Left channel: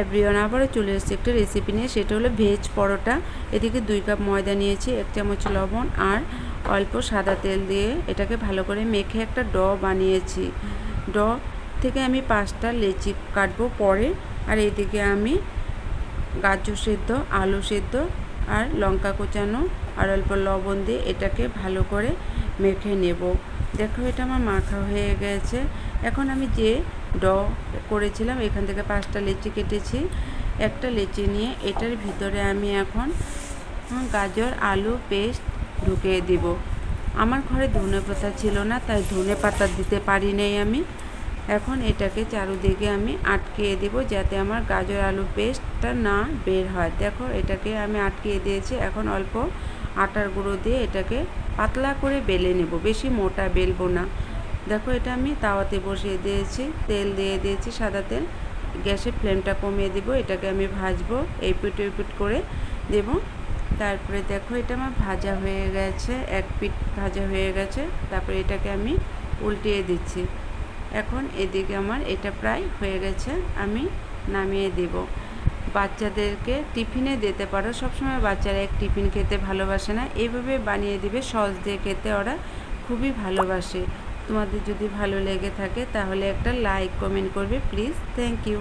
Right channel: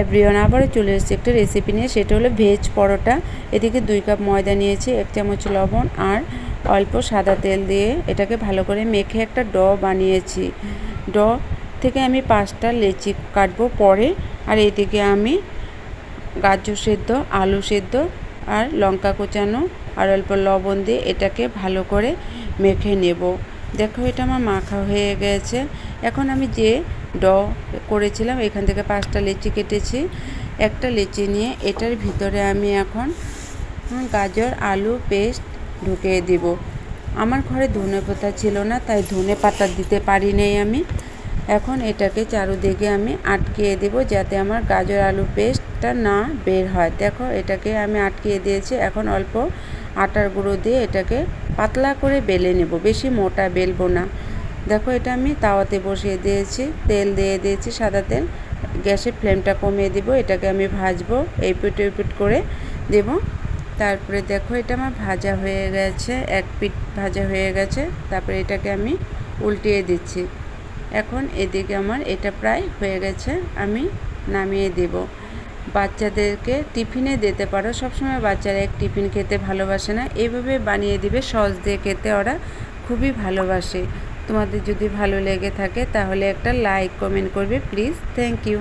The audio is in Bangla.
এভরিওয়ান, আবারও চলে এসেছি একটা রেসিপি নিয়ে। সেটা হলো ভেজ পরোটা। এদিকে 2 কাপ ময়দা নিয়েছি, 1 চামচ লবণ আর অল্প সাদা তেল দিয়ে এটাকে ভালো করে মেখে একটা ডো বানিয়েছি। ডো থেকে আমি 5টা লেচি কাটবো পরে। আর এদিকে আমি গাজর সেদ্ধ, আলু সেদ্ধ আর লঙ্কা কোচানো আর অল্প লবণ দিয়ে এটাকে ভালো করে মেখে নেব। দেখো এটা আমার মাখা হয়ে গেছে। এখন আমি যে ডো করেছিলাম এখান থেকে 5টা লেচি কেটেছি। একটা লেচি নিয়ে এটার ভিতরে আমি এখন গাজর আলু পেস্ট ঢুকিয়ে দিব। আমার ঘরে ধনেপাতা ছিল না, তাই ধনেপাতা দিতে পারি নাই আমি। এখন এটাকে চারদিকে আমি আটকিয়ে দেব যাতে আমার গাজর আলু পেস্টটা না বের হয়। দেখো এটাকে আমি আটকিয়ে দিয়েছি। এখন অল্প আটার গুঁড়ো দিয়ে এটাকে পাতলা করে বেলে নেব, বেশি মোটা বেলবো না। দেখো এটা আমি তাওয়াতে বসিয়ে দিয়েছি, তেল দিয়ে দিয়েছি সাদা তেল। গ্যাসের ফ্লেমটা কমিয়ে দিব, এটাকে আমি ভাজবো, এই পিট ওই পিট করে দেব। তারপরে দেখো এটা আমার ভাজা হয়ে গেছে, এক পিঠ ভাজা হয়ে গেছে। তারপরে এটাকে আমি উল্টিয়ে দিচ্ছি। এখন এদিকে আমার এটা প্রায় হয়ে গেছে, আমি নামিয়ে দেব। বাচ্চাদেরকে টিফিনে দিতে পারো, সবসময় বাচ্চারা এক টিফিন খেতে ভালোবাসে না, এইভাবে বানিয়ে দিবে, সস দিয়ে খেতে ওরা খুবই ভালোবাসে। তোমাদের যদি ভালো লেগে থাকে তাহলে একটা লাইক কমেন্ট করবে প্লিজ। Thank you.